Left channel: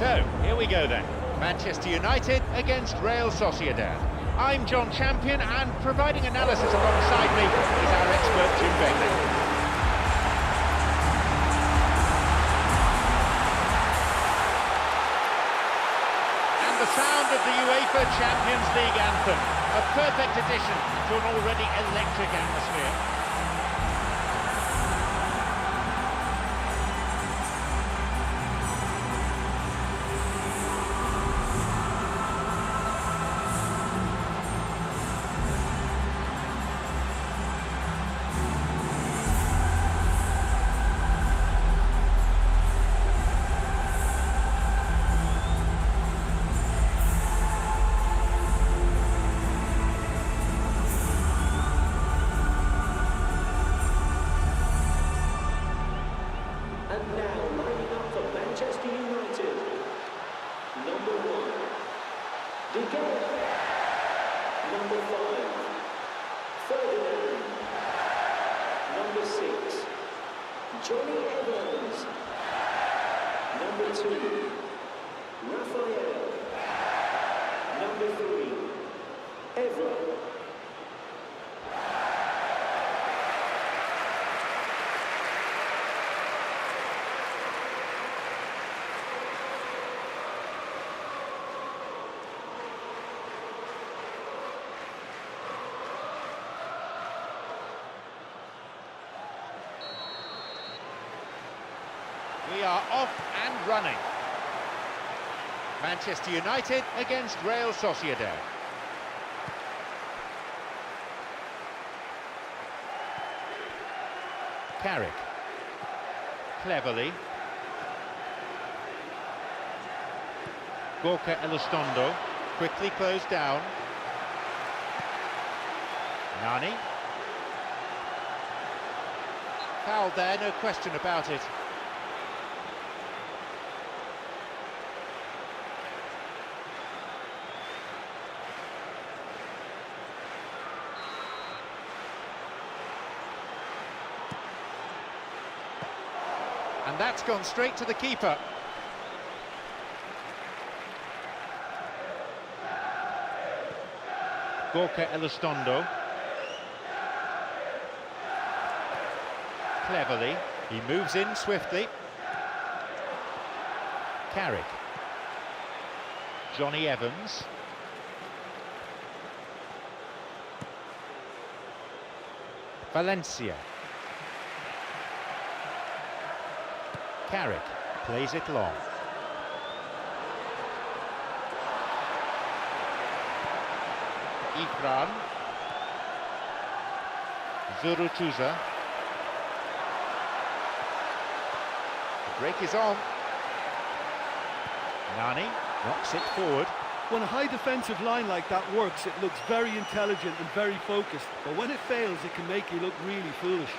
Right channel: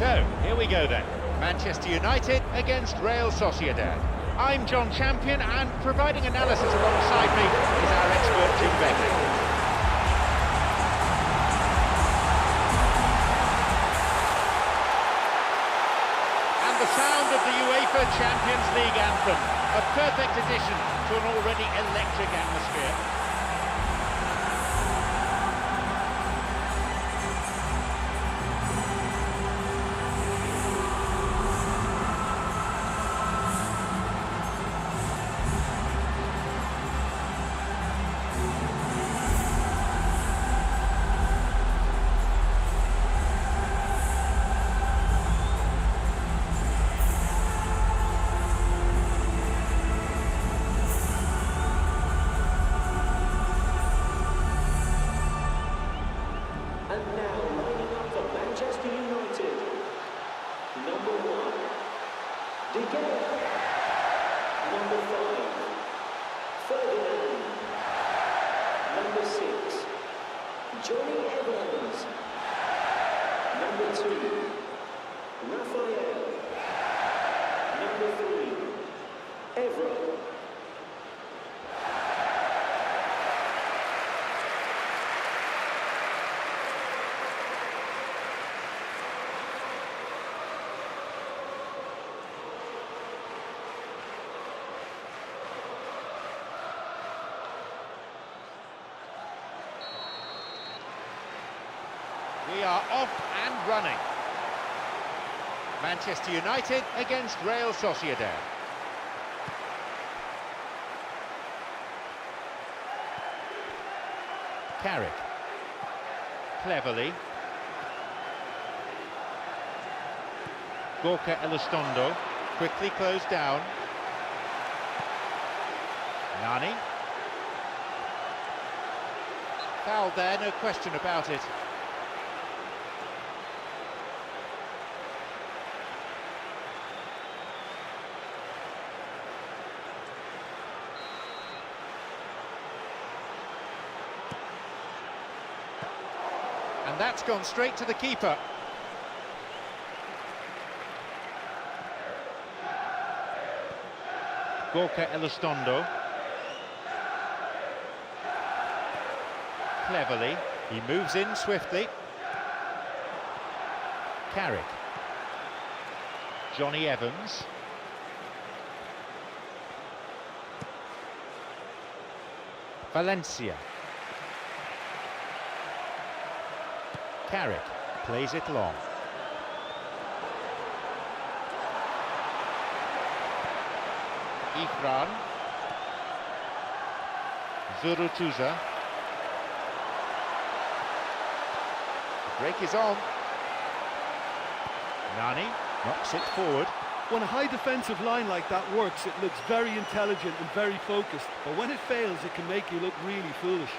So, here we go then. Manchester United against Real Sociedad. I'm John Champion, and providing analysis alongside me is our expert Jim Beglin. And the sound of the UEFA Champions League anthem, a perfect addition to an already electric atmosphere. We are off and running. Manchester United against Real Sociedad. Carrick. Cleverly. Gorka Elizondo. Quickly closed down. Nani. Fouled there, no question about it. And that's gone straight to the keeper. Gorka Elizondo. Cleverly, he moves in swiftly. Carrick. Johnny Evans. Valencia. Carrick plays it long. Ikran. Zurutuza. The break is on. Nani knocks it forward. When a high defensive line like that works, it looks very intelligent and very focused. But when it fails, it can make you look really foolish.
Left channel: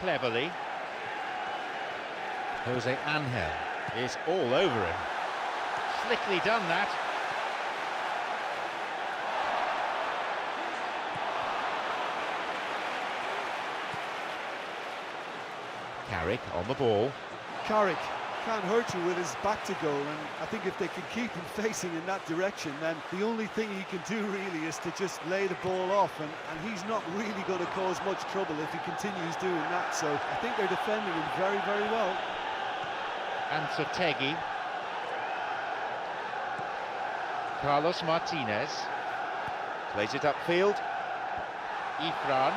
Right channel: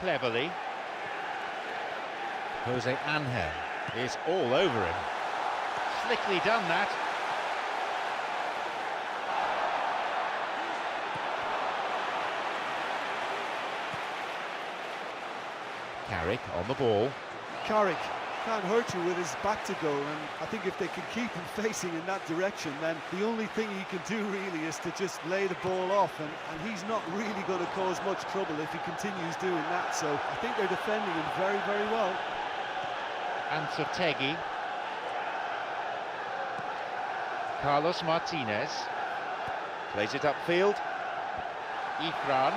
Cleverly. Jose Angel is all over him. Slickly done that. Carrick on the ball. Carrick can't hurt you with his back to goal, and I think if they can keep him facing in that direction, then the only thing he can do really is to just lay the ball off, and he's not really going to cause much trouble if he continues doing that. So I think they're defending him very, very well. And Sotegi. Carlos Martinez plays it upfield. Ikran.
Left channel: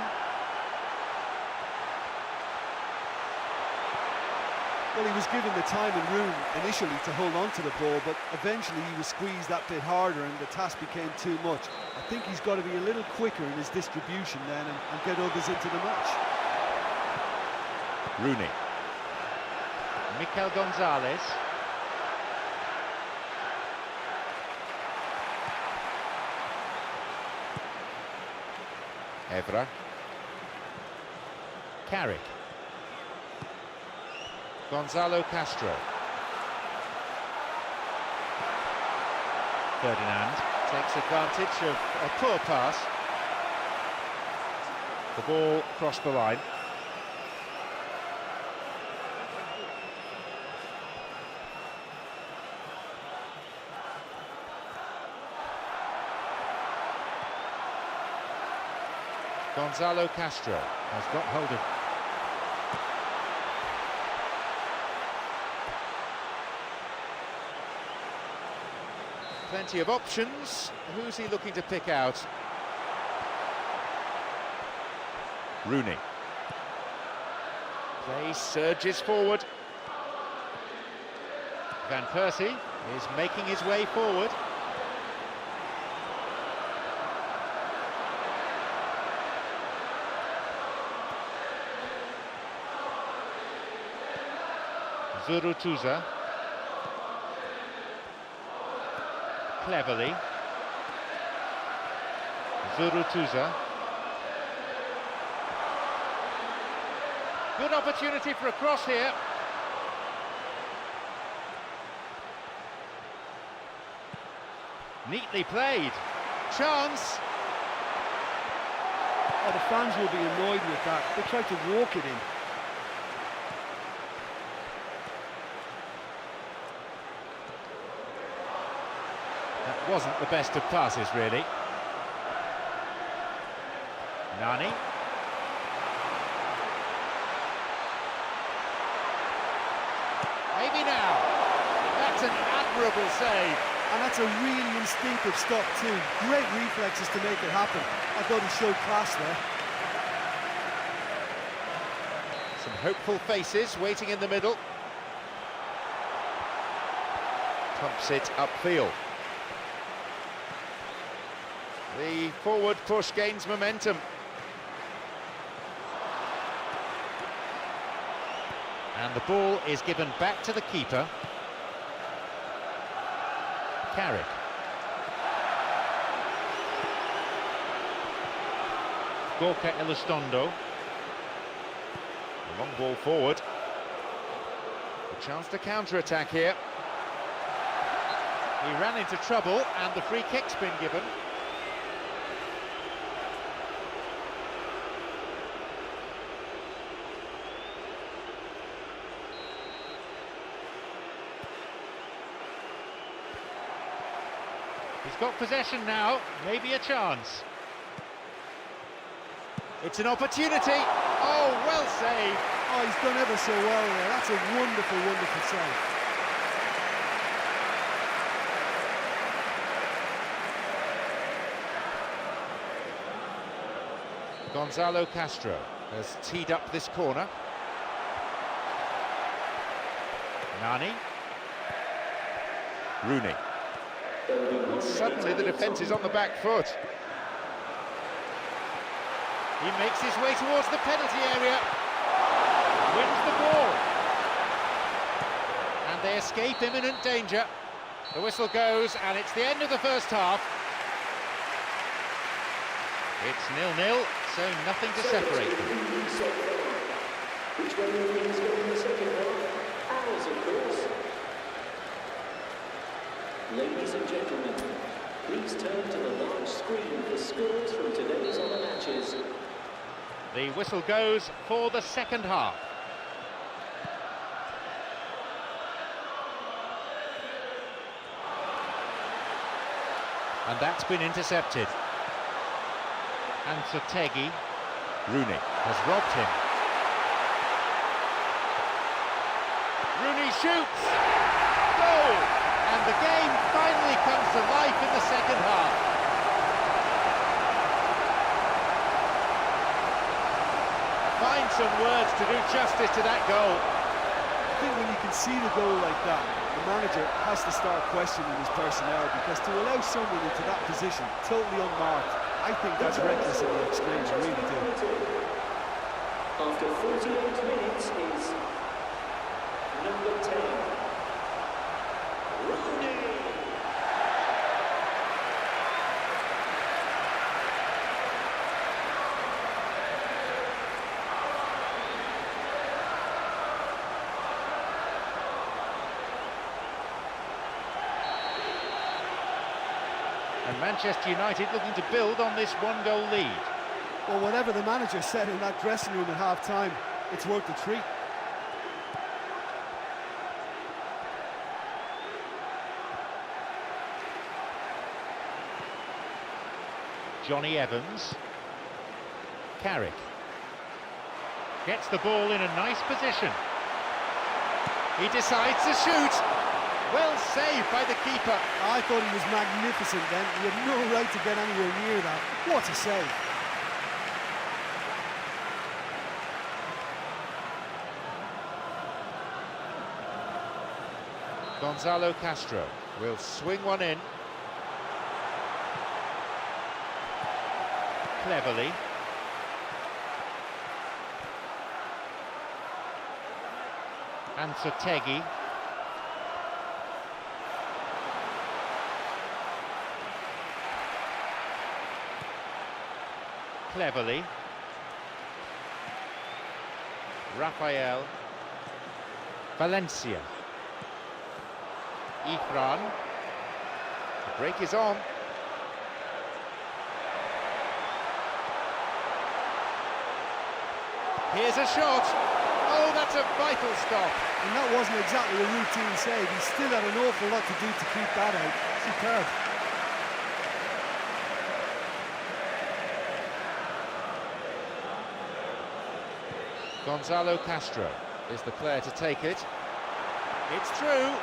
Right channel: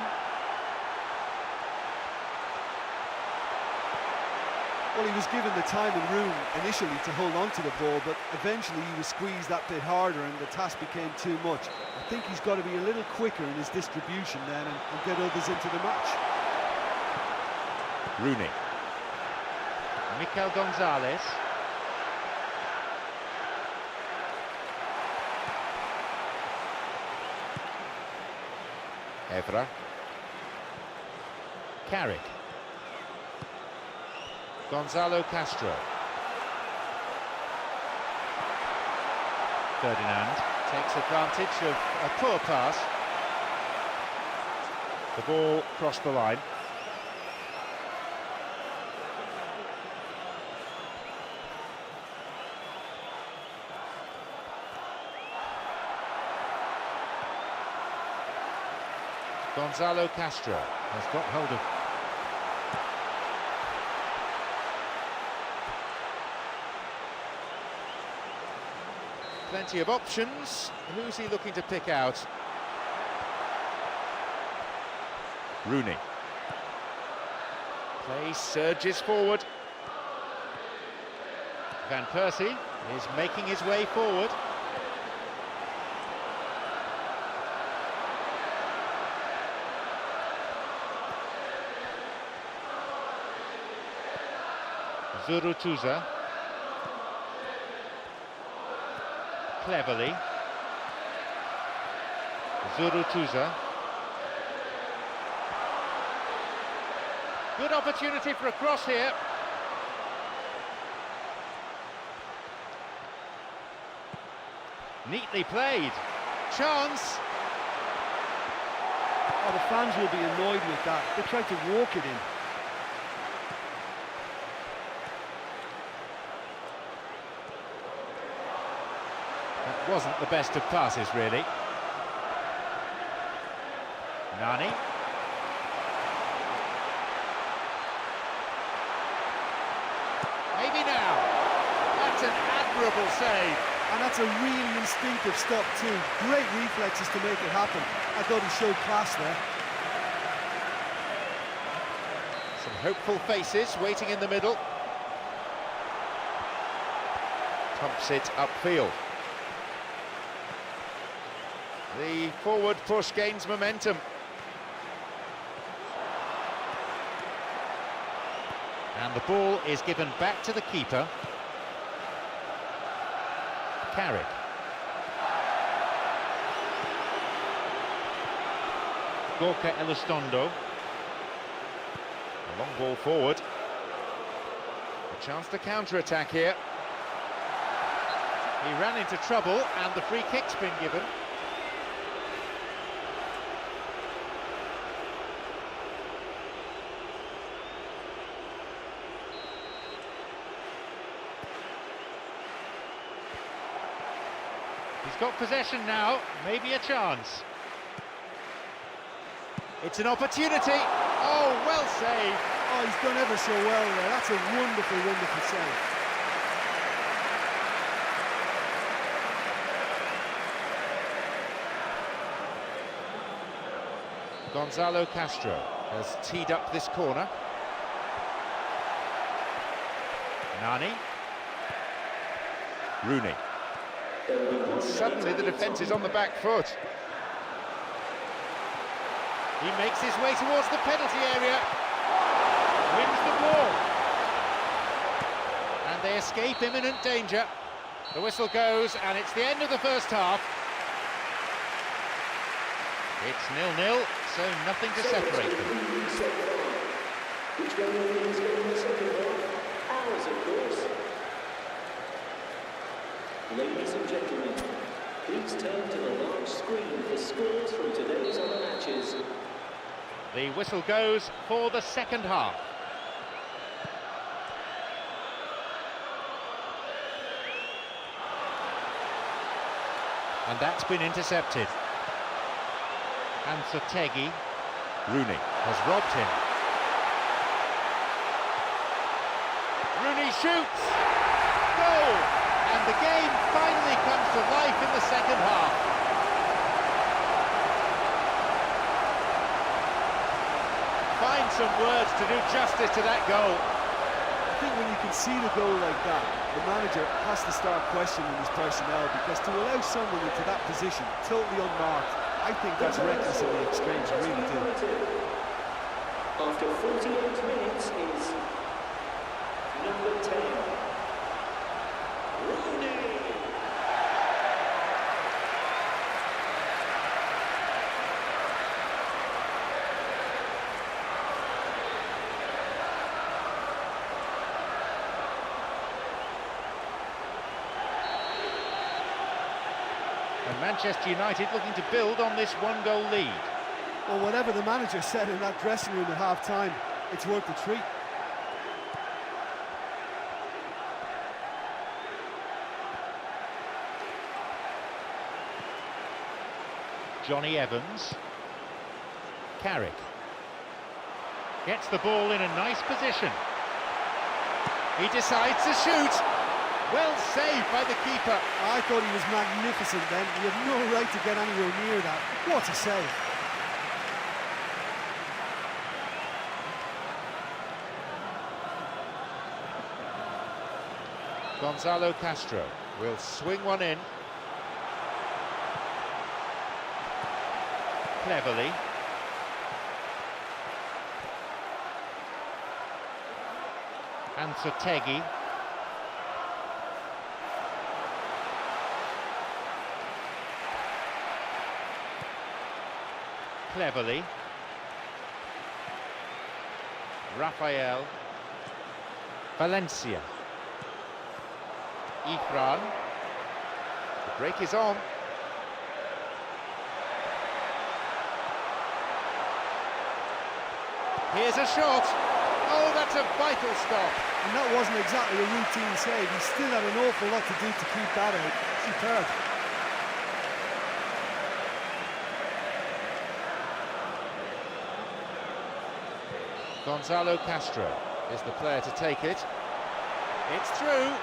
Well, he was given the time and room initially to hold on to the ball, but eventually he was squeezed that bit harder and the task became too much. I think he's got to be a little quicker in his distribution then and get others into the match. Rooney. Mikel Gonzalez. Evra. Carrick. Gonzalo Castro. Ferdinand takes advantage of a poor pass. The ball crossed the line. Gonzalo Castro has got hold of... Plenty of options. Who's he looking to pick out? Rooney. Play surges forward. Van Persie is making his way forward. Zurutuza. Cleverly. Zurutuza. Good opportunity for a cross here. Neatly played. Chance. Oh, the fans will be annoyed with that. They tried to walk it in. That wasn't the best of passes, really. Nani. Maybe now. That's an admirable save. And that's a really instinctive stop too. Great reflexes to make it happen. I thought he showed class there. Some hopeful faces waiting in the middle. Pumps it upfield. The forward push gains momentum. And the ball is given back to the keeper. Carrick. Gorka Elizondo. A long ball forward. A chance to counter-attack here. He ran into trouble and the free kick's been given. He's got possession now, maybe a chance. It's an opportunity. Oh, well saved. Oh, he's done ever so well there. That's a wonderful, wonderful save. Gonzalo Castro has teed up this corner. Nani. Rooney. And suddenly the defence is on the back foot. He makes his way towards the penalty area. Wins the ball. And they escape imminent danger. The whistle goes and it's the end of the first half. It's 0-0, so nothing to separate them. The whistle goes for the second half. And that's been intercepted. And Sotegi. Rooney has robbed him. Rooney shoots! Goal! And the game finally comes to life in the second half. Find some words to do justice to that goal. I think when you concede a goal like that, the manager has to start questioning his personnel, because to allow someone into that position, totally unmarked, I think that's reckless in the extreme, I really do. And Manchester United looking to build on this one-goal lead. Well, whatever the manager said in that dressing room at half-time, it's worth a treat. Johnny Evans. Carrick. Gets the ball in a nice position. He decides to shoot. Well saved by the keeper. I thought he was magnificent then. He had no right to get anywhere near that. What a save. Gonzalo Castro will swing one in. Cleverly. And Sotegi. Cleverly. Rafael. Valencia. Ifran. The break is on. Here's a shot. Oh, that's a vital stop. And that wasn't exactly a routine save. He still had an awful lot to do to keep that out. Superb. Gonzalo Castro is the player to take it. It's through.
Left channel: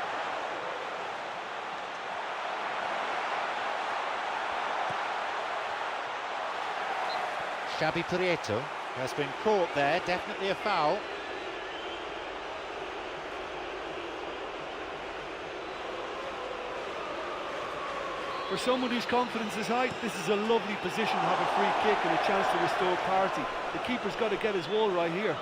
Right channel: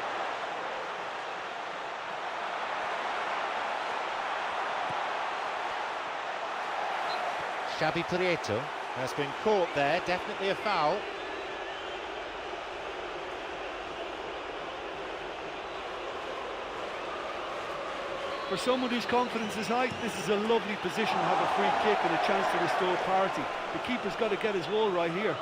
Xabi Prieto has been caught there, definitely a foul. For someone whose confidence is high, this is a lovely position to have a free kick and a chance to restore parity. The keeper's got to get his wall right here.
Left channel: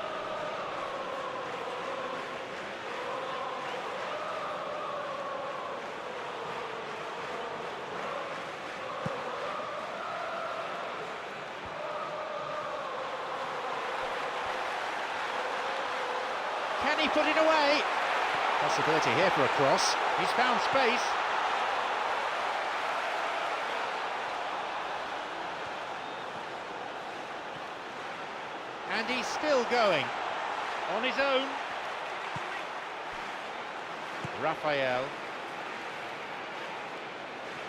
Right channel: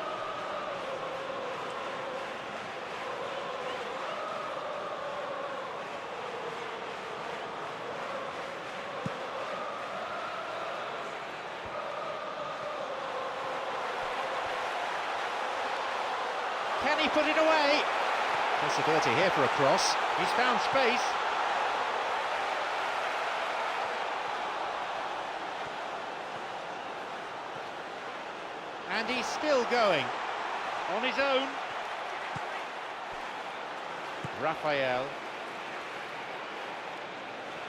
Can he put it away? Possibility here for a cross. He's found space. And he's still going. On his own. Rafael.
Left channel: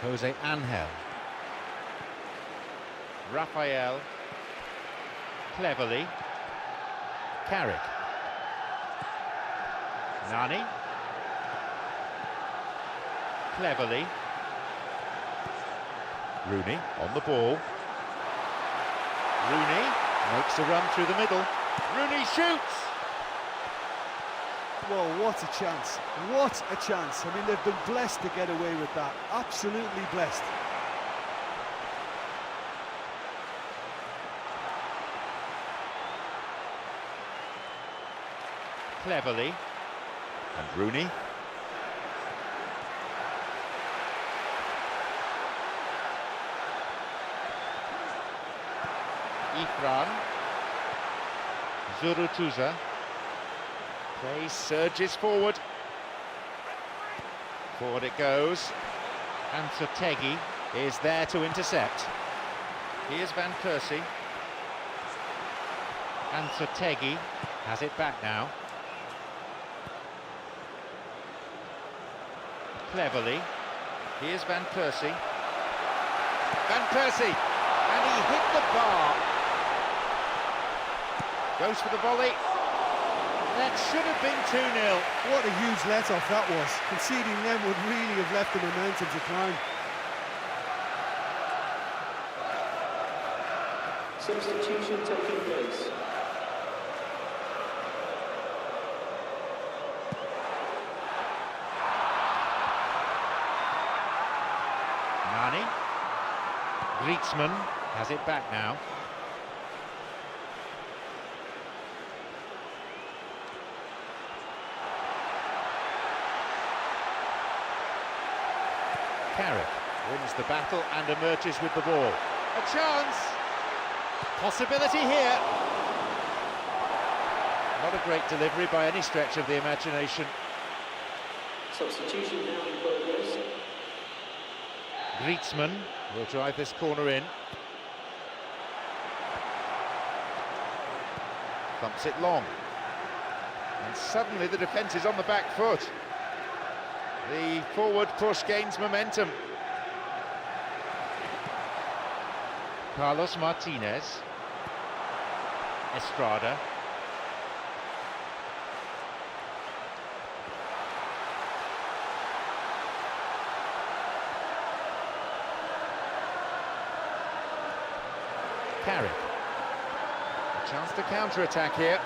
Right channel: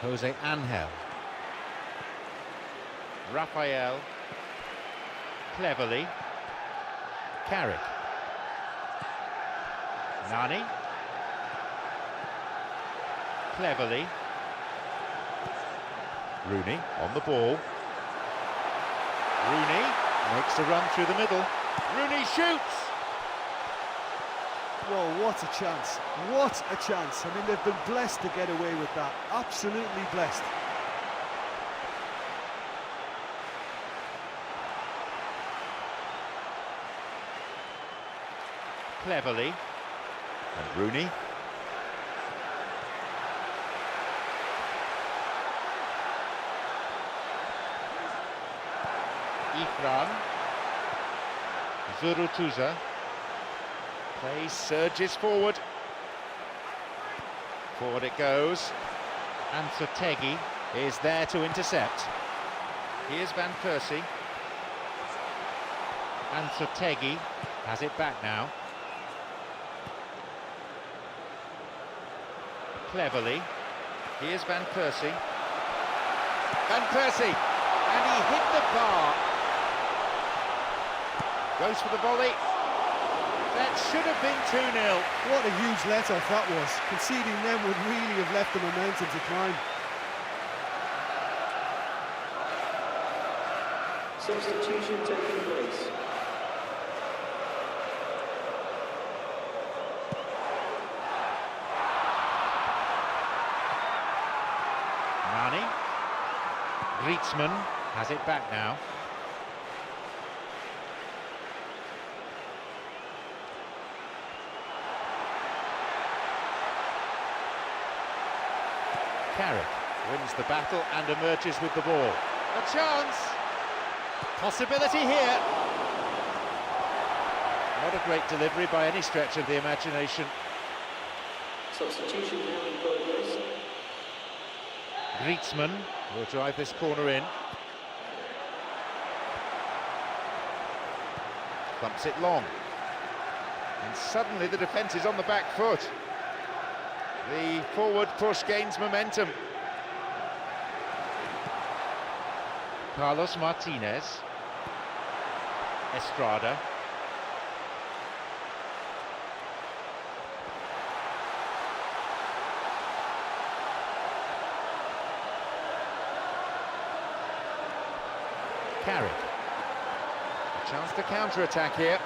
Jose Angel. Rafael. Cleverly. Carrick. Nani. Cleverly. Rooney on the ball. Rooney makes a run through the middle. Rooney shoots! Well, what a chance. What a chance. I mean, they've been blessed to get away with that. Absolutely blessed. Cleverly. And Rooney. Ifran. Zurutuza. Play surges forward. Forward it goes. And Sotegi is there to intercept. Here's Van Persie. And Sotegi has it back now. Cleverly. Here's Van Persie. Van Persie! And he hit the bar. Goes for the volley. That should have been 2-0. What a huge let-off that was. Conceding them would really have left the momentum to climb. Nani. Griezmann has it back now. Carrick wins the battle and emerges with the ball. A chance! Possibility here. Not a great delivery by any stretch of the imagination. Griezmann will drive this corner in. thumps it long. And suddenly the defence is on the back foot. The forward push gains momentum. Carlos Martinez. Estrada. Carrick. A chance to counter-attack here.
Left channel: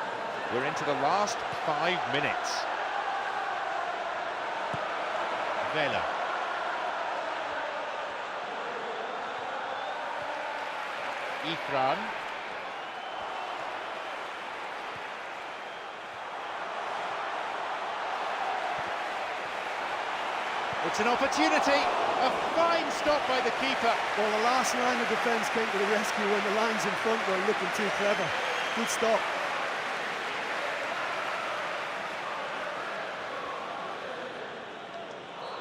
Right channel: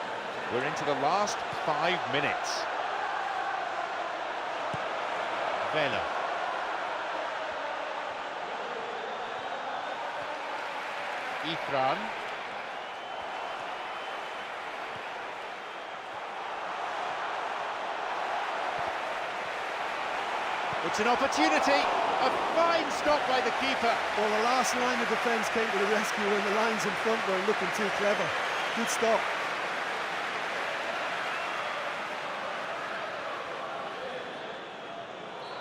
We're into the last 5 minutes. Vela. Ifran. It's an opportunity. A fine stop by the keeper. Well, the last line of defence came to the rescue when the lines in front weren't looking too clever. Good stop.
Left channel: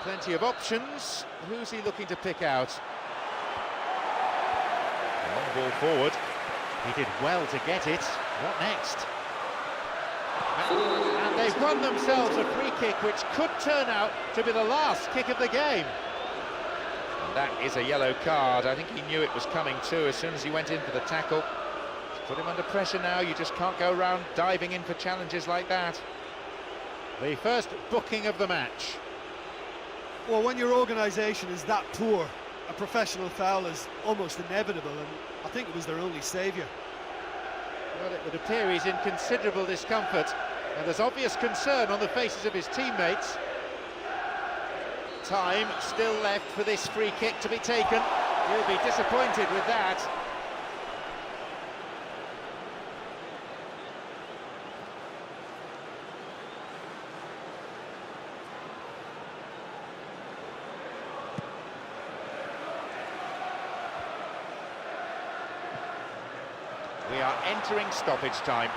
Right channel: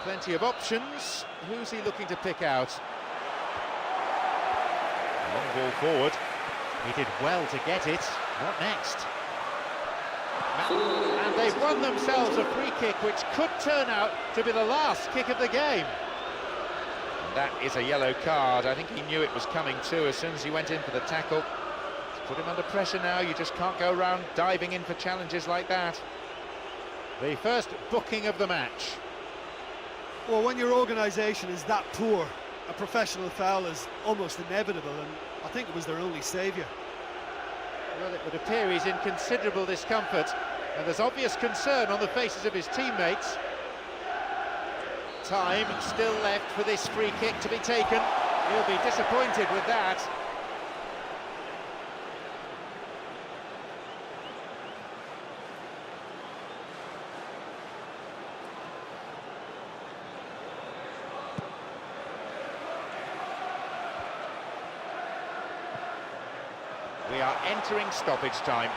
Plenty of options. Who's he looking to pick out? A long ball forward. He did well to get it. What next? And they've won themselves a free kick which could turn out to be the last kick of the game. And that is a yellow card. I think he knew it was coming too as soon as he went in for the tackle. It's put him under pressure now. You just can't go around diving in for challenges like that. The first booking of the match. Well, when your organisation is that poor, a professional foul is almost inevitable, and I think it was their only saviour. Well, it would appear he's in considerable discomfort, and there's obvious concern on the faces of his teammates. Time still left for this free kick to be taken. He'll be disappointed with that. We are entering stoppage time.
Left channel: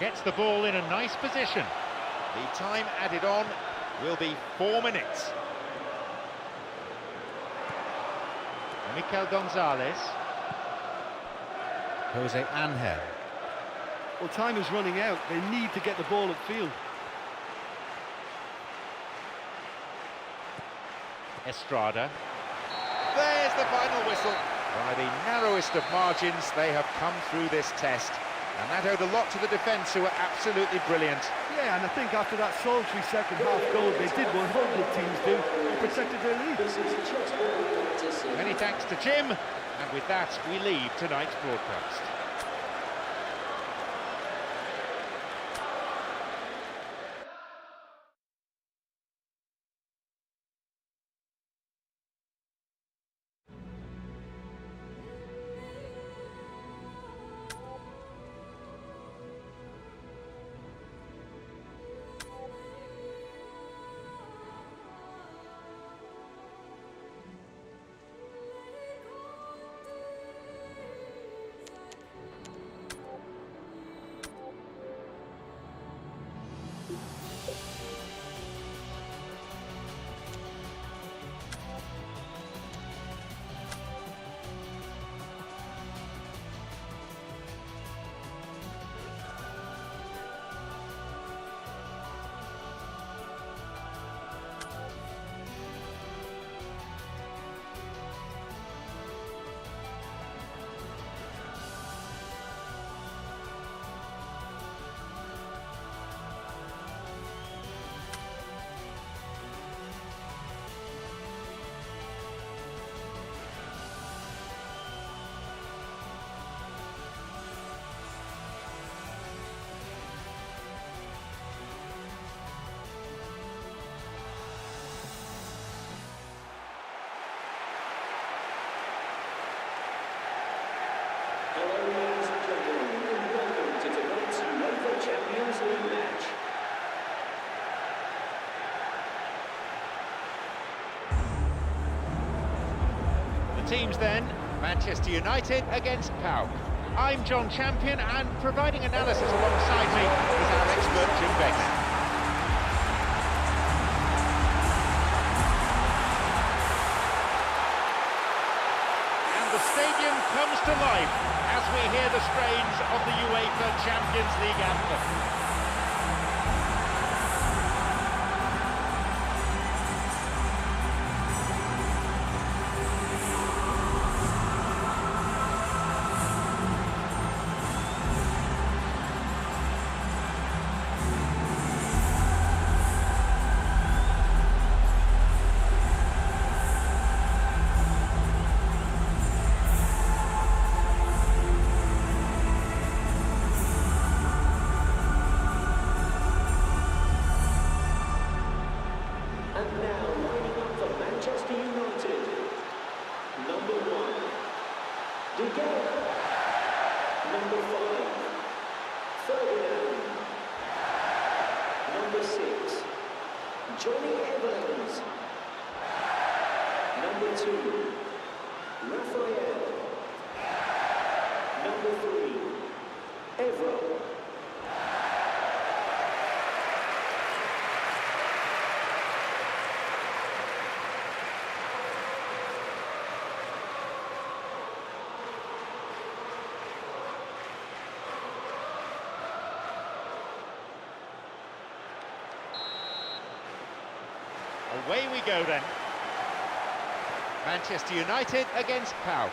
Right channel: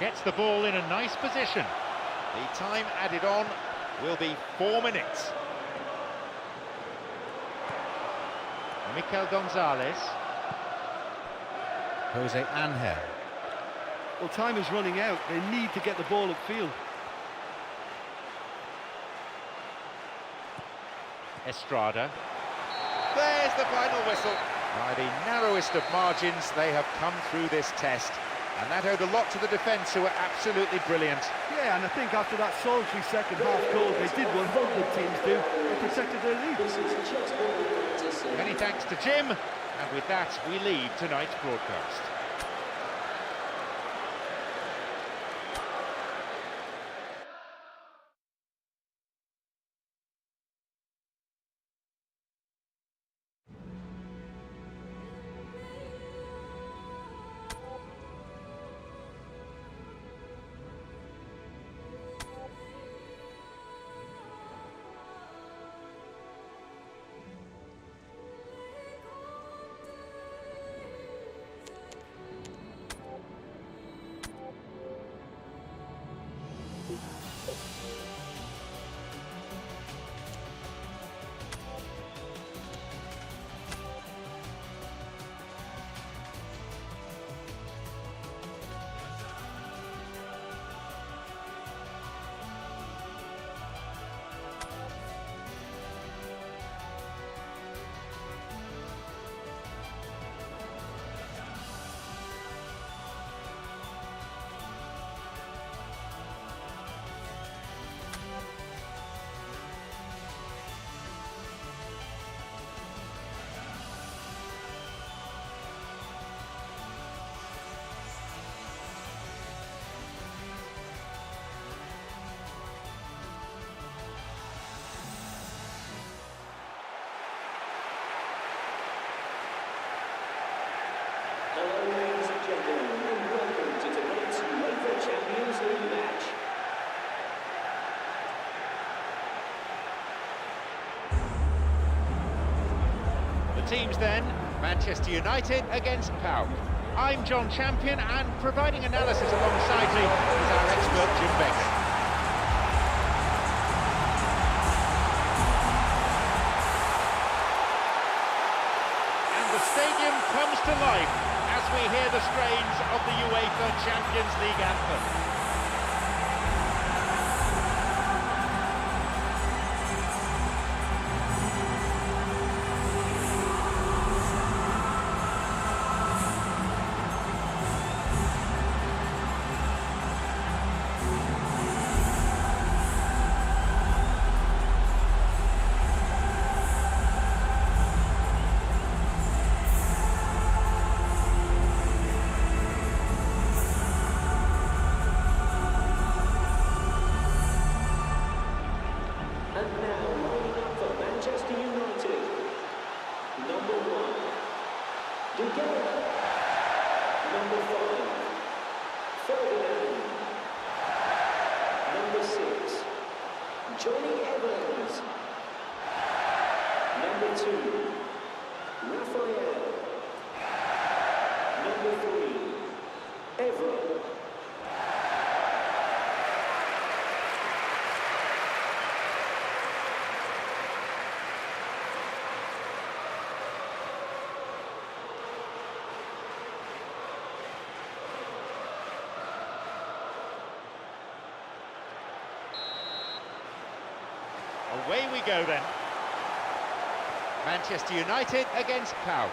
Gets the ball in a nice position. The time added on will be 4 minutes. Mikel Gonzalez. Jose Angel. Well, time is running out. They need to get the ball upfield. Estrada. There's the final whistle. By the narrowest of margins, they have come through this test. And that owed a lot to the defence, who were absolutely brilliant. Yeah, and I think after that solitary second-half goal, they did what all good teams do and protected their lead. Many thanks to Jim, and with that, we leave tonight's broadcast. Teams then, Manchester United against PAOK. I'm John Champion, and providing analysis alongside me is our expert Jim Beglin. And the stadium comes to life as we hear the strains of the UEFA Champions League anthem. Away we go then. Manchester United against PAOK.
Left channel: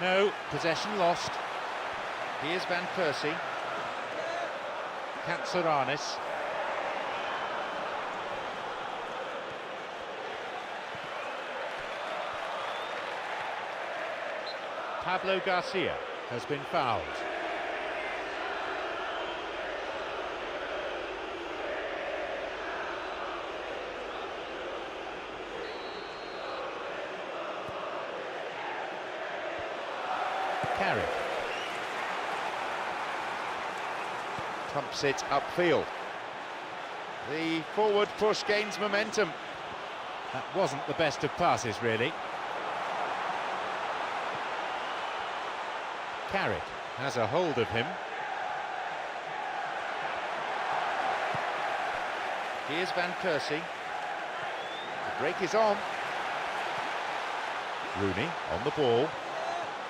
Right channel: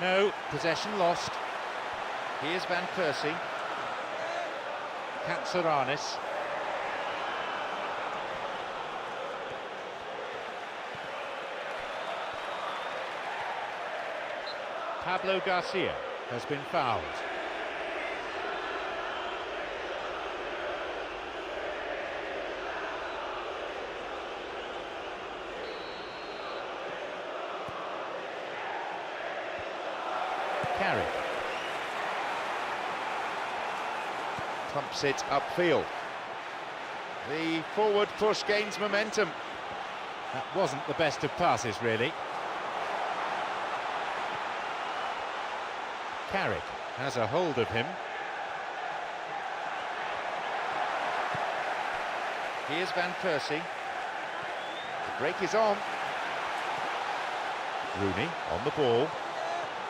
No, possession lost. Here's Van Persie. Katsuranis. Pablo Garcia has been fouled. Carrick pumps it upfield. The forward push gains momentum. That wasn't the best of passes, really. Carrick has a hold of him. Here's Van Persie. The break is on. Rooney on the ball.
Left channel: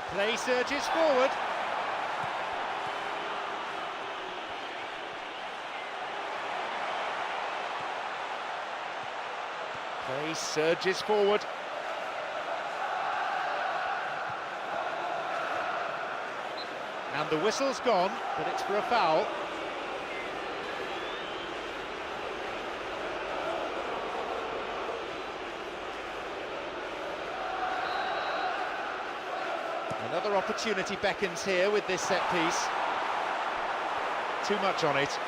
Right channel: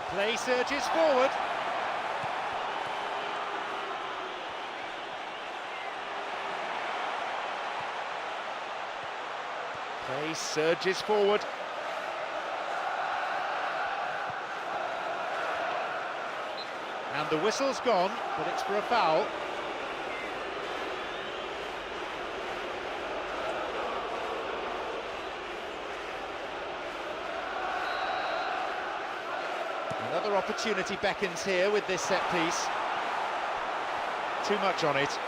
Play surges forward. Play surges forward. And the whistle's gone, but it's for a foul. Another opportunity beckons here with this set piece. Too much on it.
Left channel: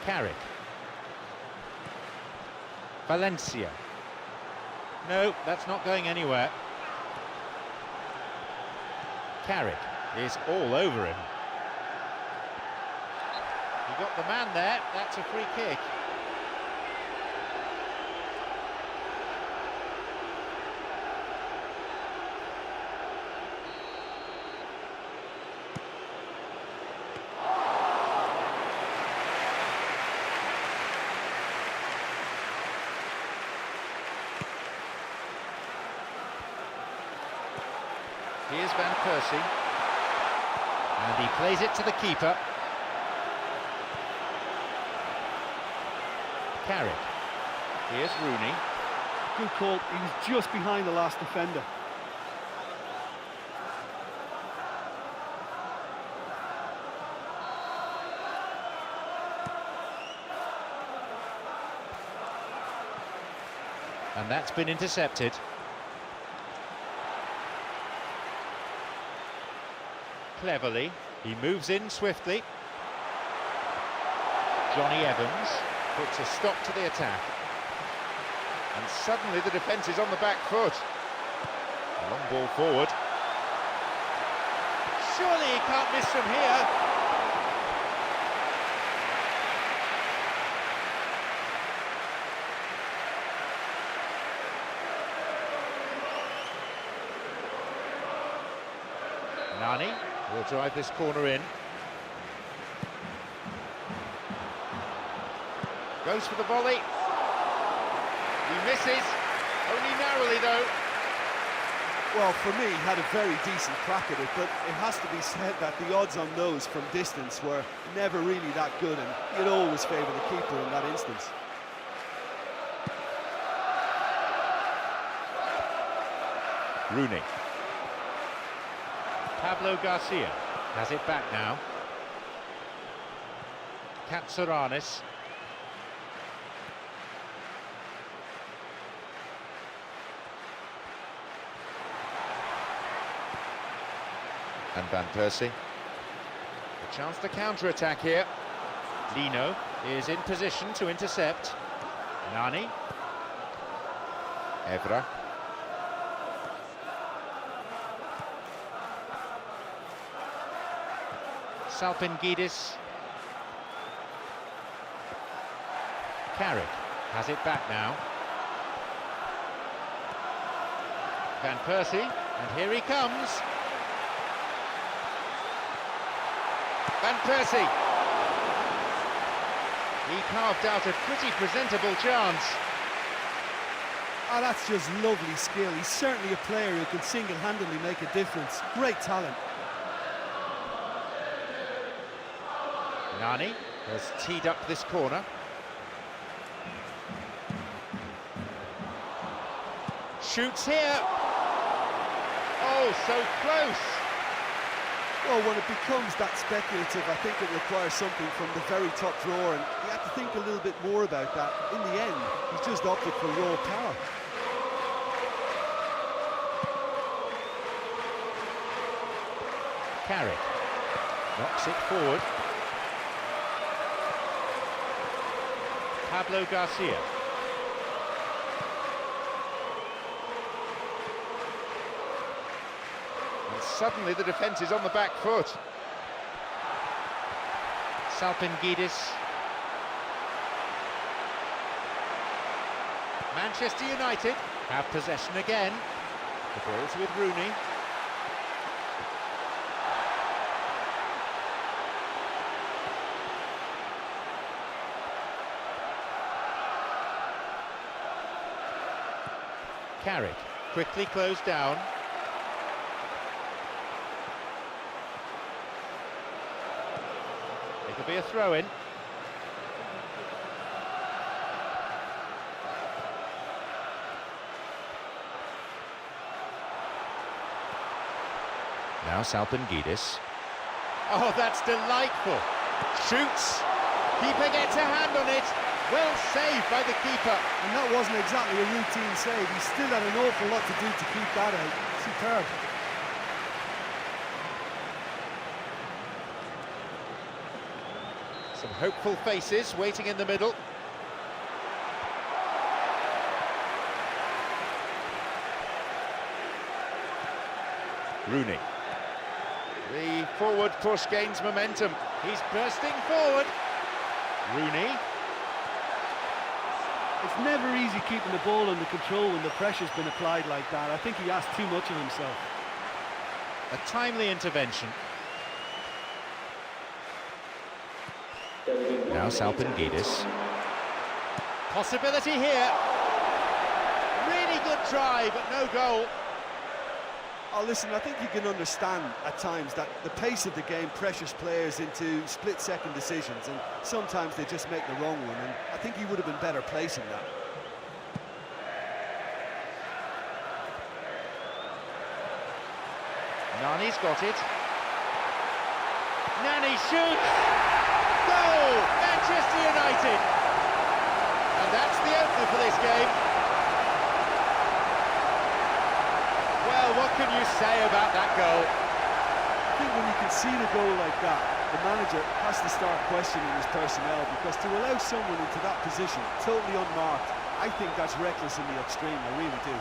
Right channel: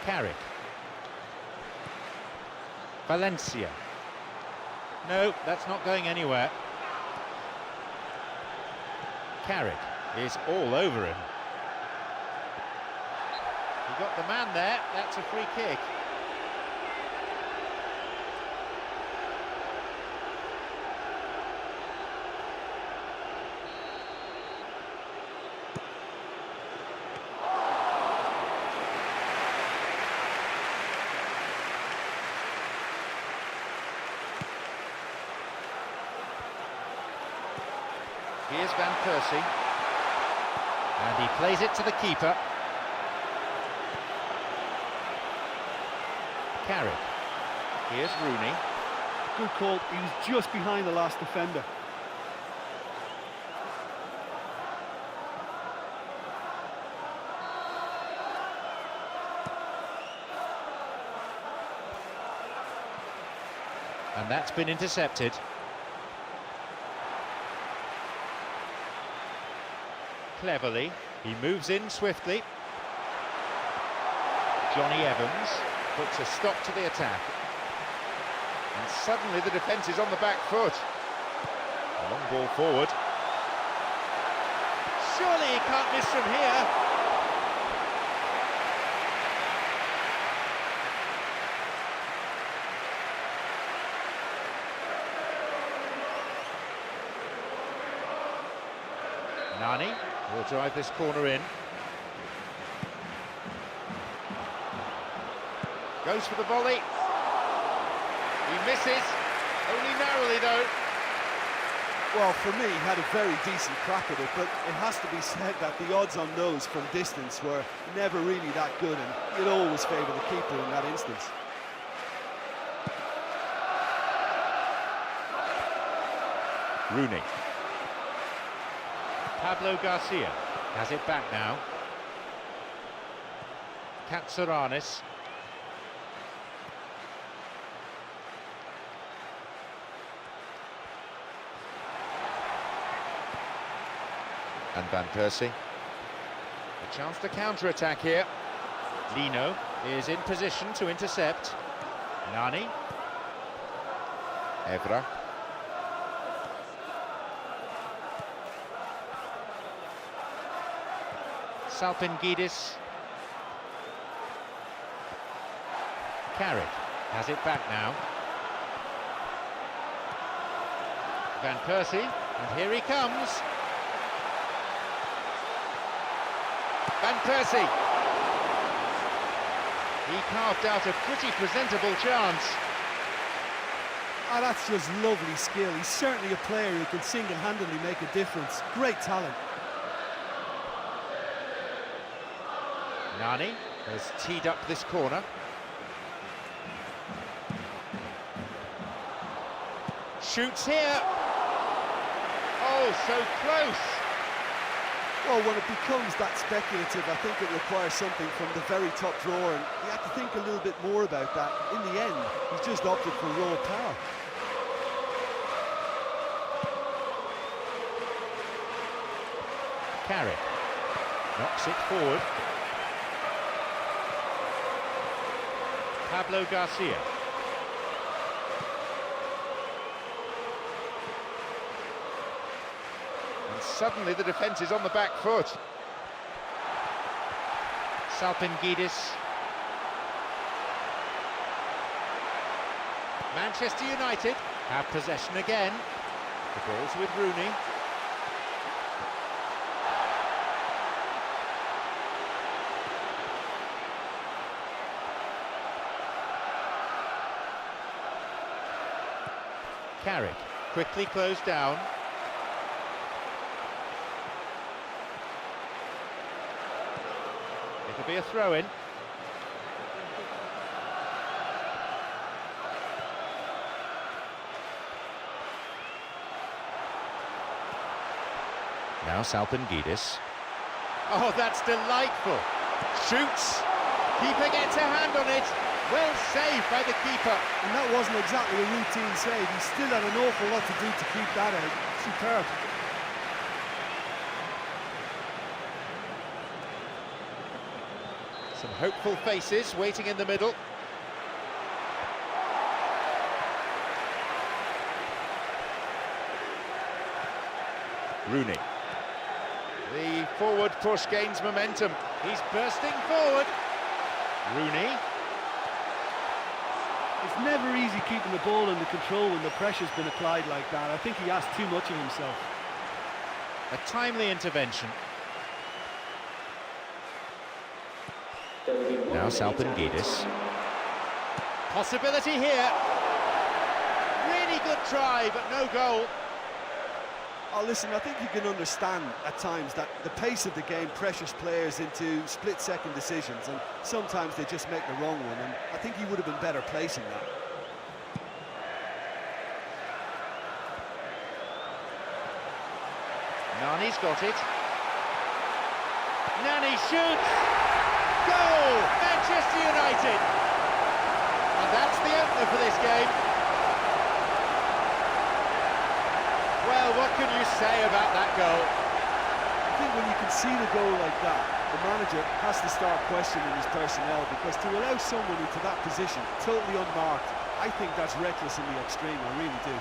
Carrick. Valencia. No, that's not going anywhere. Carrick is all over him. He got the man there, that's a free kick. Here's Van Persie. And he plays it to the keeper. Carrick. Here's Rooney. Good call, he was just behind the last defender. And that's been intercepted. Cleverly, he moves in swiftly. Johnny Evans puts a stop to the attack. And suddenly the defence is on the back foot. A long ball forward. Surely he can't miss from here. Nani will drive this corner in. Goes for the volley. He misses, only narrowly though. Well, for me, he had a very decent crack at it, but it has to be said that the odds on those from distance were never really that good, and you'd always favour the keeper in that instance. Rooney. Pablo Garcia has it back now. Katsuranis. And Van Persie. A chance to counter-attack here. Lino is in position to intercept. Nani. Evra. Salpingidis. Carrick has it back now. Van Persie, and here he comes. Van Persie. He carved out a pretty presentable chance. Ah, that's just lovely skill. He's certainly a player who can single-handedly make a difference. Great talent. Nani has teed up this corner. Shoots here. Oh, so close. Well, when it becomes that speculative, I think it requires something from the very top drawer, and you have to think a little bit more about that. In the end, he's just opted for raw power. Carrick knocks it forward. Pablo Garcia. And suddenly the defence is on the back foot. Salpingidis. Manchester United have possession again. The ball's with Rooney. Carrick quickly closed down. It'll be a throw-in. Now Salpingidis. Oh, that's delightful. Shoots. Keeper gets a hand on it. Well saved by the keeper. And that wasn't exactly a routine save. He still had an awful lot to do to keep that out. Superb. Some hopeful faces waiting in the middle. Rooney. The forward push gains momentum. He's bursting forward. Rooney. It's never easy keeping the ball under control when the pressure's been applied like that. I think he asked too much of himself. A timely intervention. Now Salpingidis. Possibility here. Really good try, but no goal. Oh, listen, I think you can understand at times that the pace of the game pressures players into split-second decisions, and sometimes they just make the wrong one, and I think he would have been better placing that. Nani's got it. Nani shoots! Goal! Manchester United! And that's the opener for this game. Well, what can you say about that goal? I think when you can see the goal like that, the manager has to start questioning his personnel, because to allow someone into that position, totally unmarked, I think that's reckless in the extreme, I really do.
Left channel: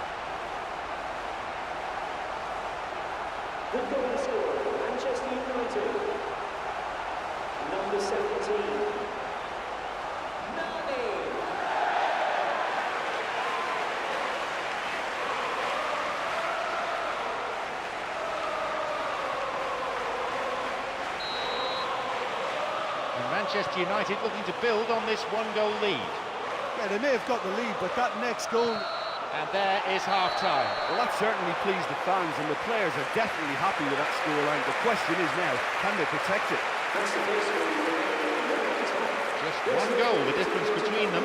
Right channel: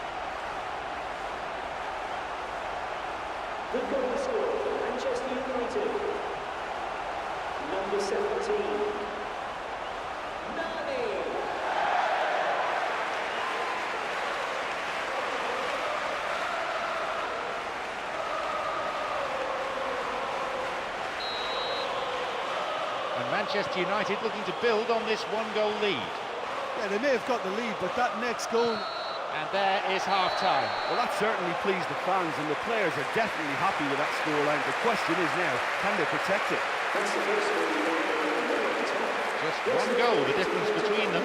Manchester United looking to build on this one-goal lead. Yeah, they may have got the lead, but that next goal... And there is half-time. Well, that certainly pleased the fans, and the players are definitely happy with that scoreline. The question is now, can they protect it? Just one goal, the difference between them.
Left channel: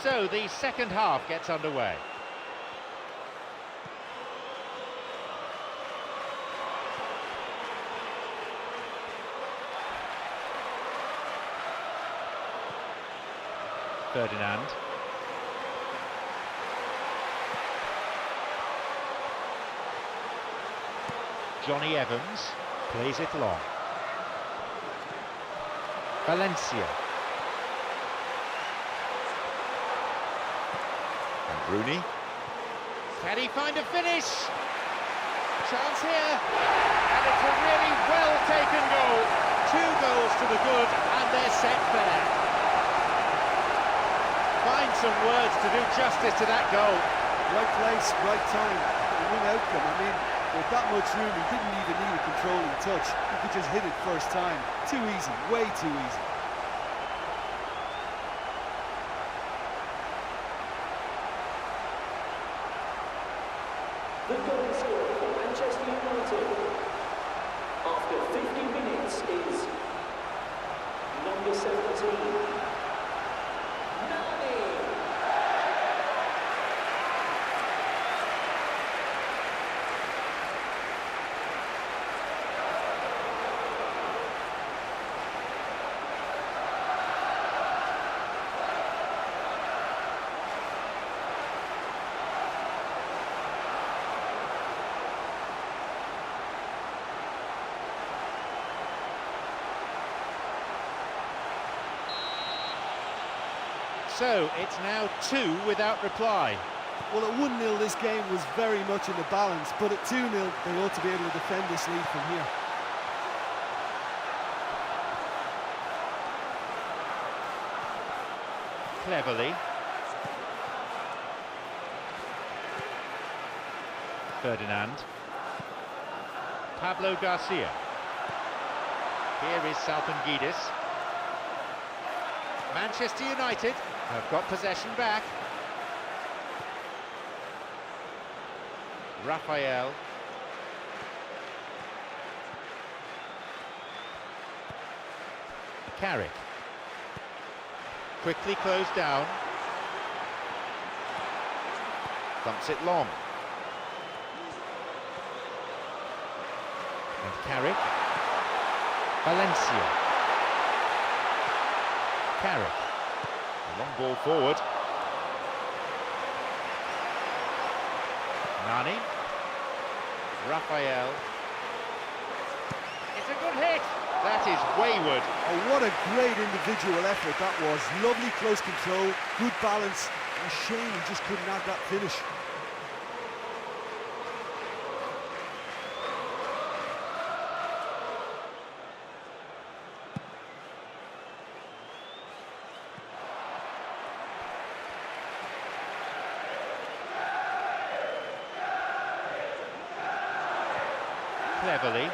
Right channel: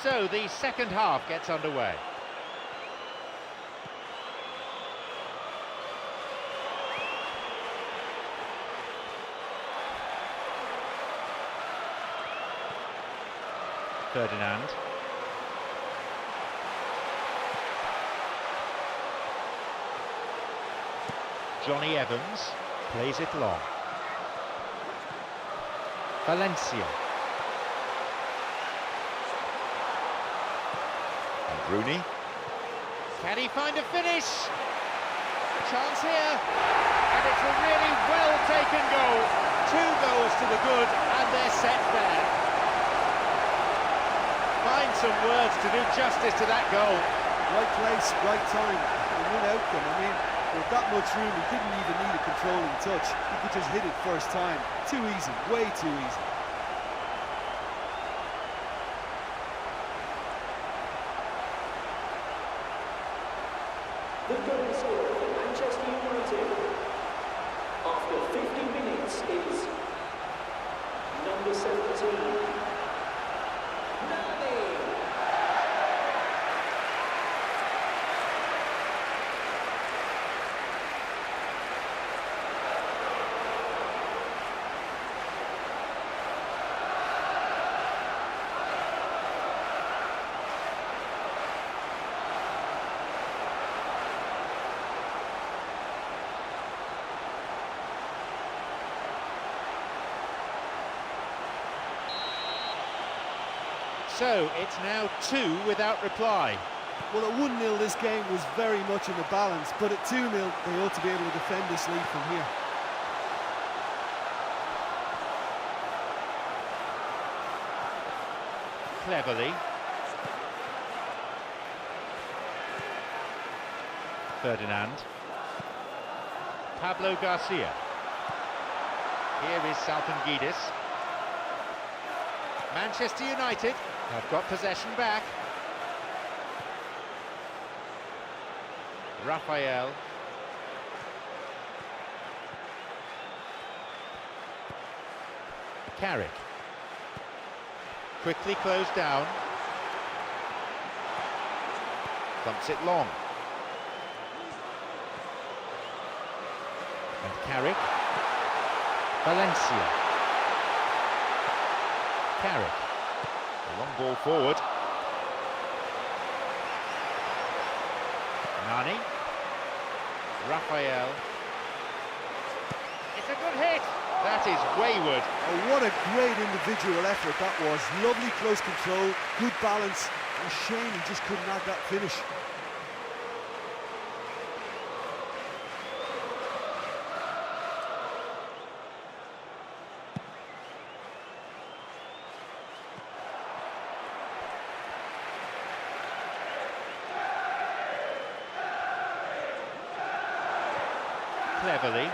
So the second half gets underway. Ferdinand. Johnny Evans plays it long. Valencia. And Rooney. Can he find a finish? Chance here. And it's a really well-taken goal. 2 goals to the good, and they're set fair. Find some words to do justice to that goal. Right place, right time, one outcome. I mean, with that much room, he didn't even need a controlling touch. He could just hit it first time. Too easy, way too easy. So it's now 2 without reply. Well, at 1-0 this game was very much in the balance, but at 2-0 they ought to be able to defend this lead from here. Cleverly. Ferdinand. Pablo Garcia. Here is Salpingidis. Manchester United have got possession back. Raphael. Carrick. Quickly closed down. Thumps it long. And Carrick. Valencia. Carrick. A long ball forward. Nani. Raphael. It's a good hit. That is wayward. Oh, what a great individual effort that was. Lovely close control, good balance. A shame he just couldn't add that finish. Cleverly.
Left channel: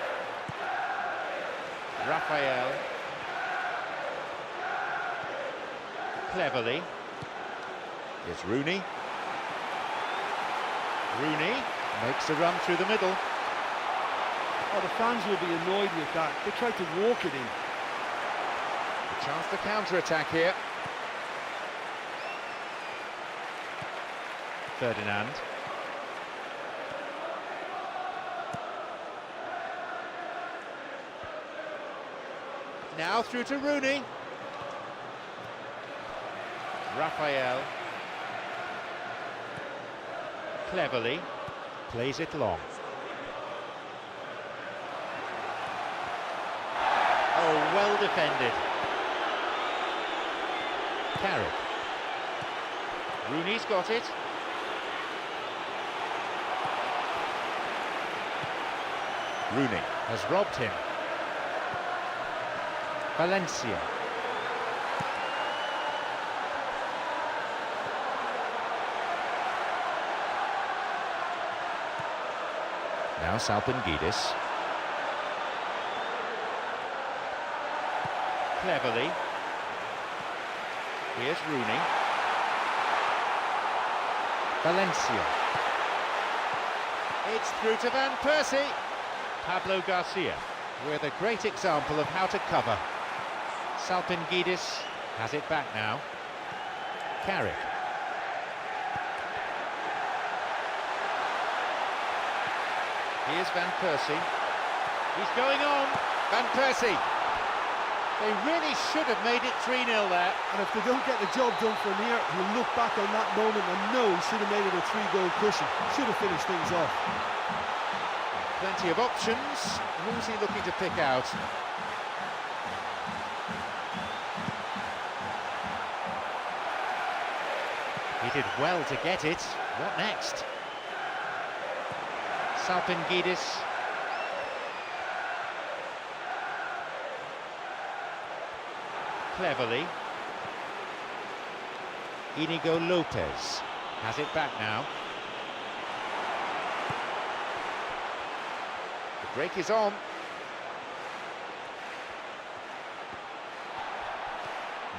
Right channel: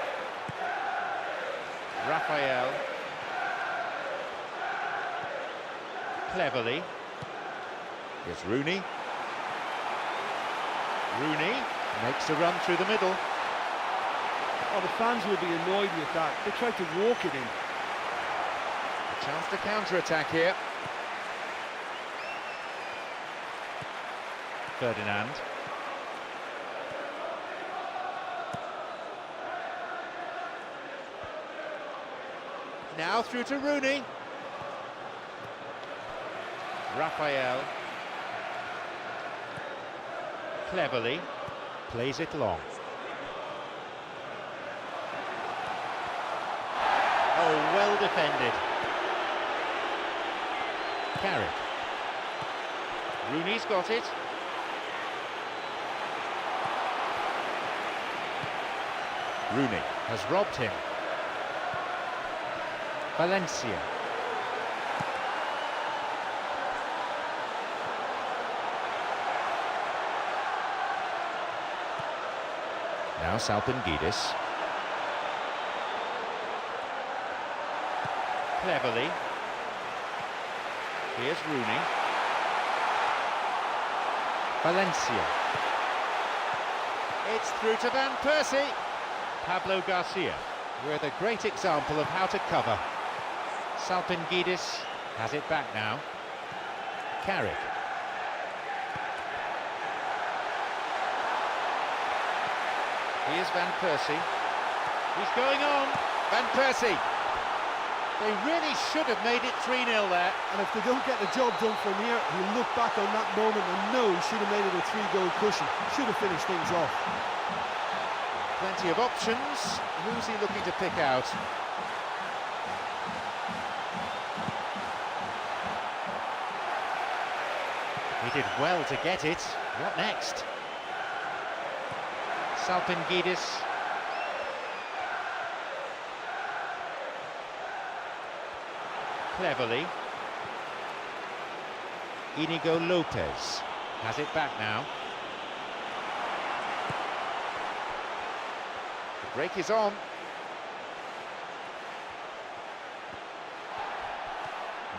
Raphael. Cleverly. Here's Rooney. Rooney makes a run through the middle. Oh, the fans will be annoyed with that. They tried to walk it in. A chance to counter-attack here. Ferdinand. Now through to Rooney. Raphael. Cleverly plays it long. Oh, well defended. Carrick. Rooney's got it. Rooney has robbed him. Valencia. Now Salpingidis. Cleverly. Here's Rooney. Valencia. It's through to Van Persie. Pablo Garcia with a great example of how to cover. Salpingidis has it back now. Carrick. Here's Van Persie. He's going on. Van Persie. They really should have made it 3-0 there. And if they don't get the job done from here, he'll look back on that moment and know he should have made it a 3-goal cushion. Should have finished things off. Plenty of options. Who's he looking to pick out? He did well to get it. What next? Salpingidis. Cleverly. Inigo Lopez has it back now. The break is on.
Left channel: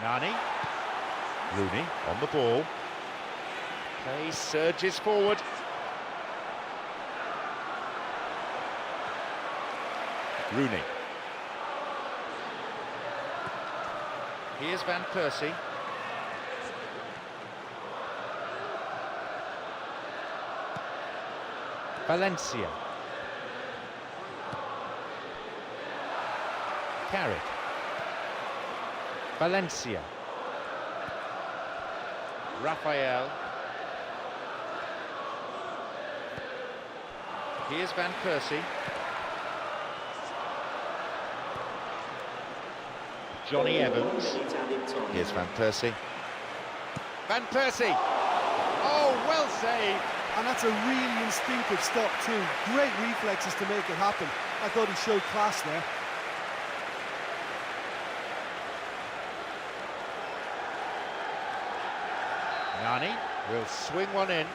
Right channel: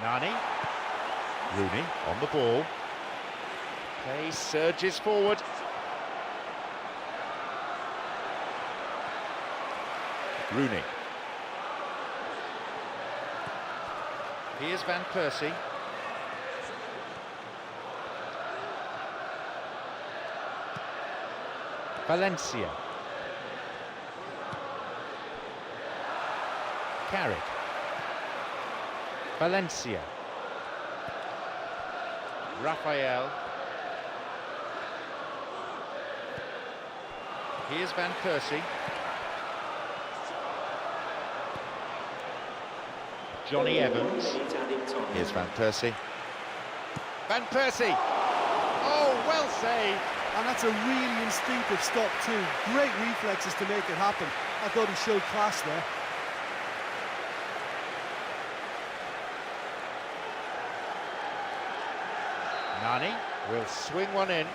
Nani. Rooney on the ball. Play surges forward. Rooney. Here's Van Persie. Valencia. Carrick. Valencia. Raphael. Here's Van Persie. Johnny Evans. Here's Van Persie. Van Persie! Oh, well saved! And that's a really instinctive stop too. Great reflexes to make it happen. I thought he showed class there. Nani will swing one in.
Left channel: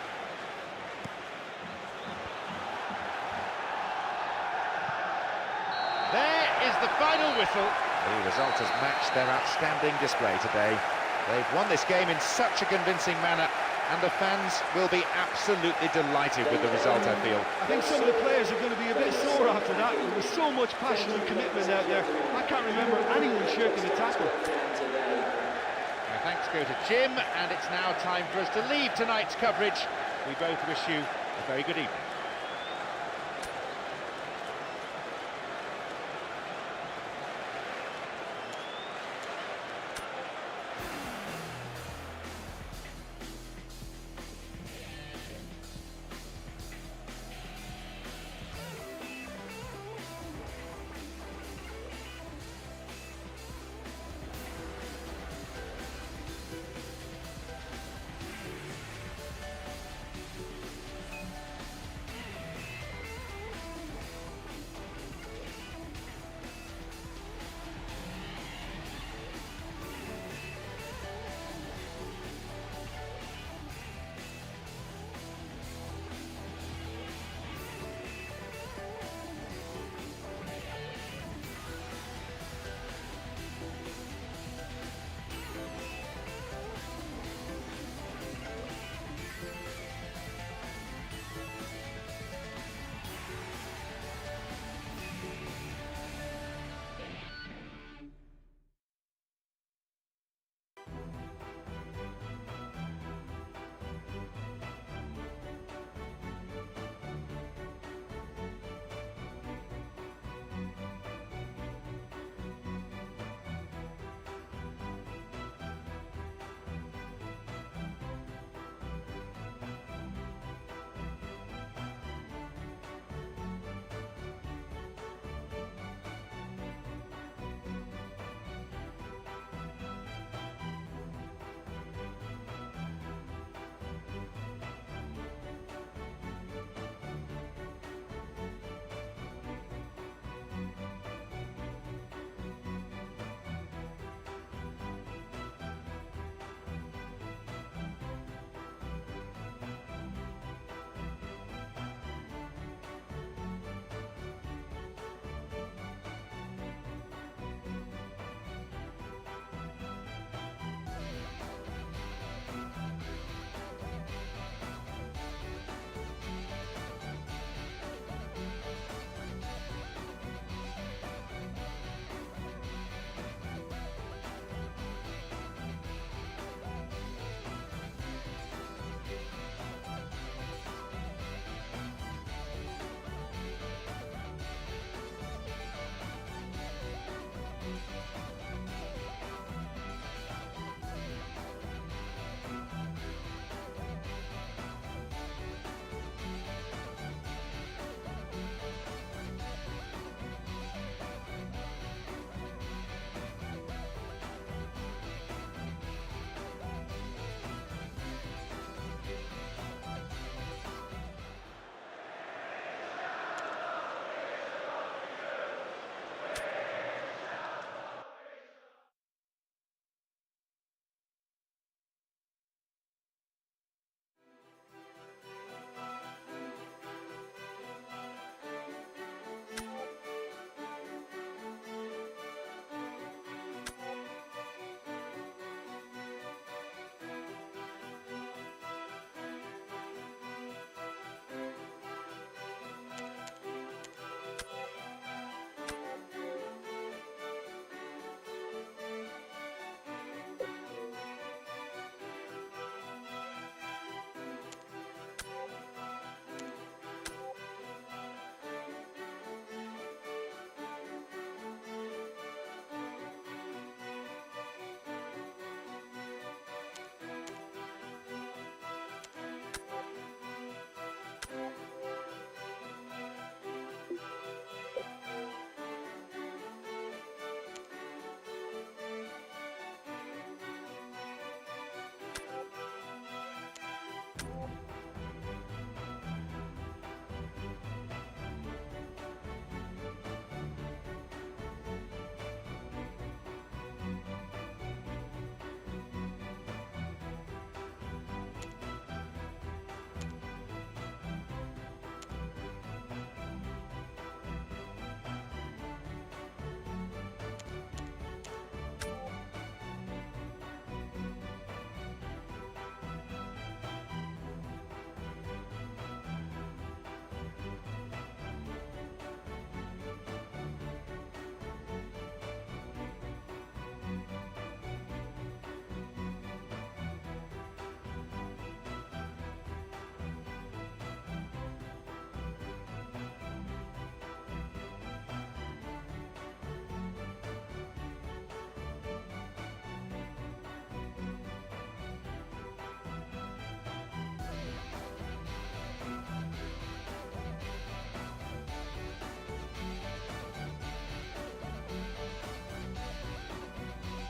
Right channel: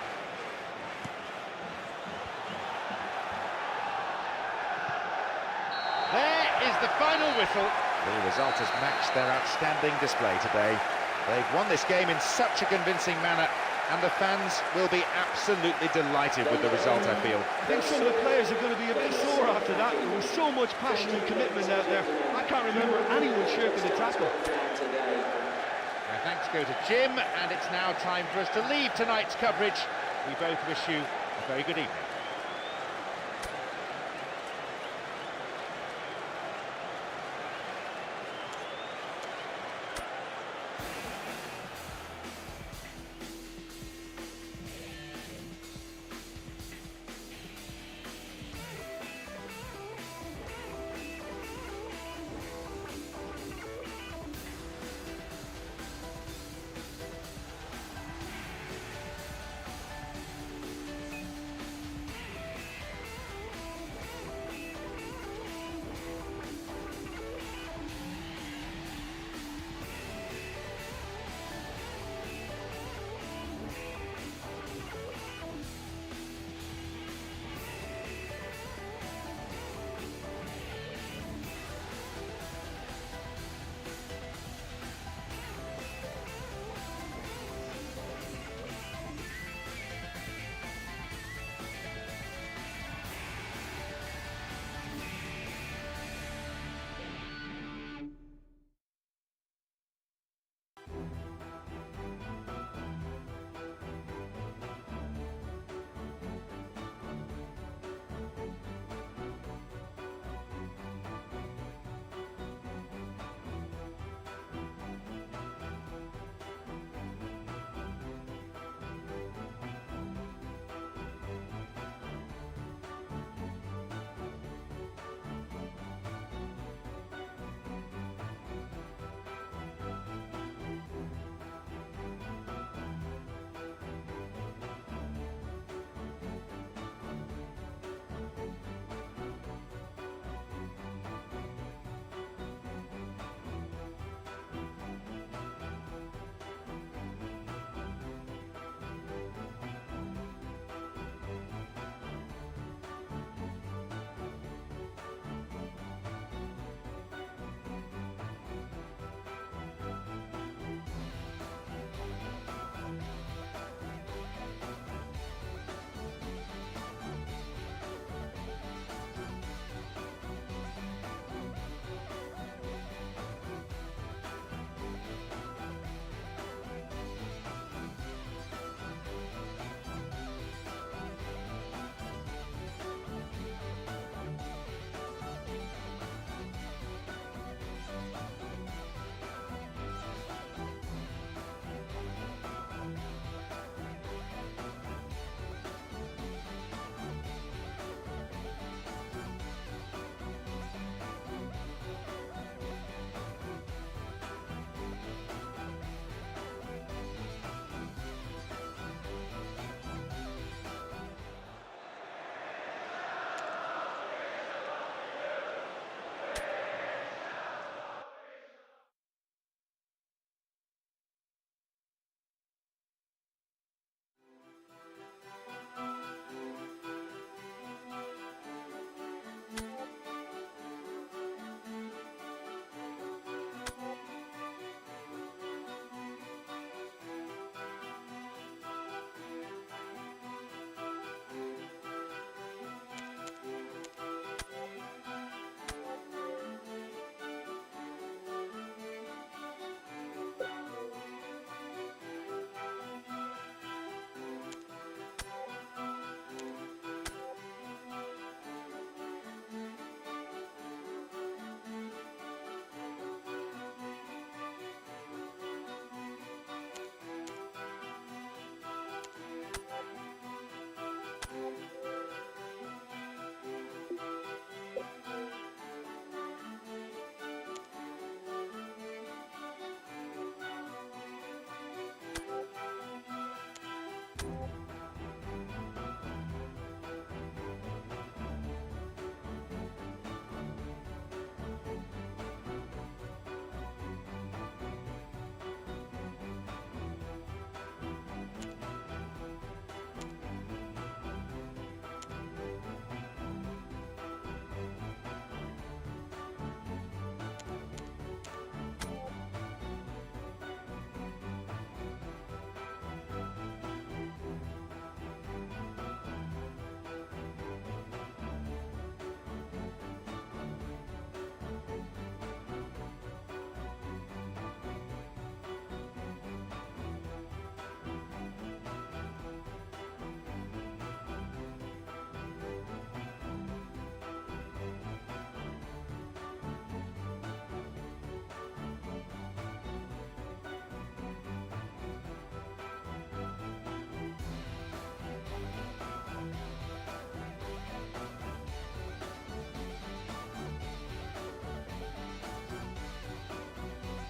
There is the final whistle. The result has matched their outstanding display today. They've won this game in such a convincing manner, and the fans will be absolutely delighted with the result, I feel. I think some of the players are going to be a bit sore after that. There was so much passion and commitment out there. I can't remember anyone shirking a tackle. My thanks go to Jim, and it's now time for us to leave tonight's coverage. We both wish you a very good evening.